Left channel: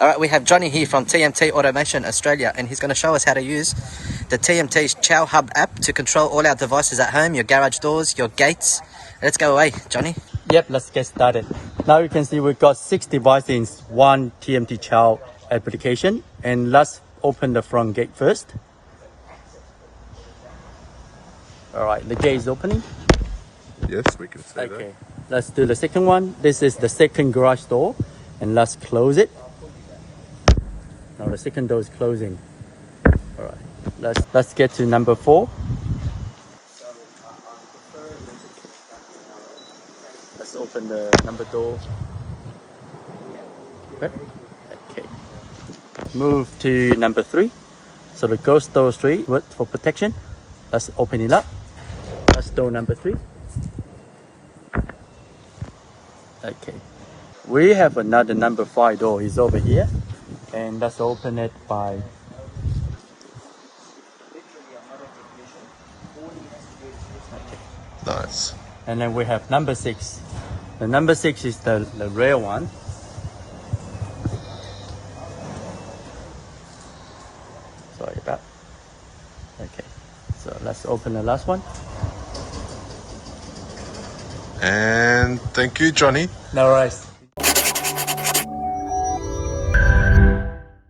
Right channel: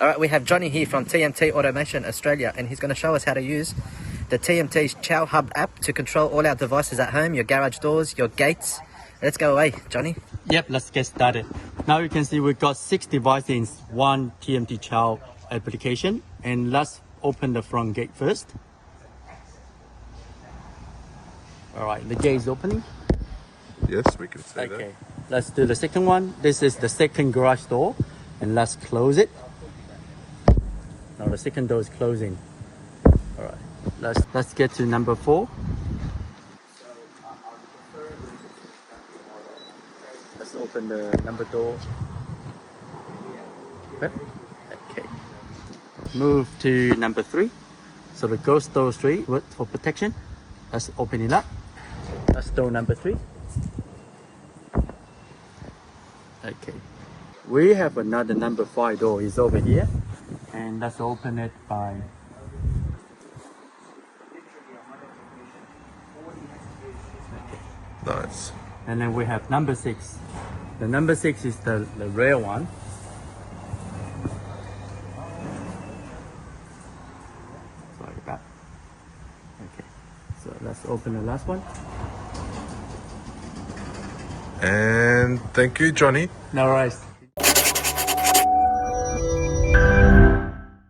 All right, we have Johnny here from TMT Automation Australia, and he's going to show us how to use the TMT's ChowHUB app to control all our devices at home, your garage doors, your gates. Let's go away, Johnny. Yep, let's get started. Now you can see we've got 6 devices in one TMT Chow application. And let's open the front gate first. All right, the gate is opening. Yes, we can say that. Okay, let's do the second one. This is the second garage door, and let's close it. Now the second door is closing. All right, let's get to number 4. Let's open the number door. Okay. Move to number 3. So the ghost door 3 for protection. Let's open it up. That's door number 3. Okay. We have another number 5 door is over here. And let's open it by Nice. and then we have number 6. The number 6 is the rare one. Sorry about. Okay. So let's open the last one. And thank you, Johnny. No worries.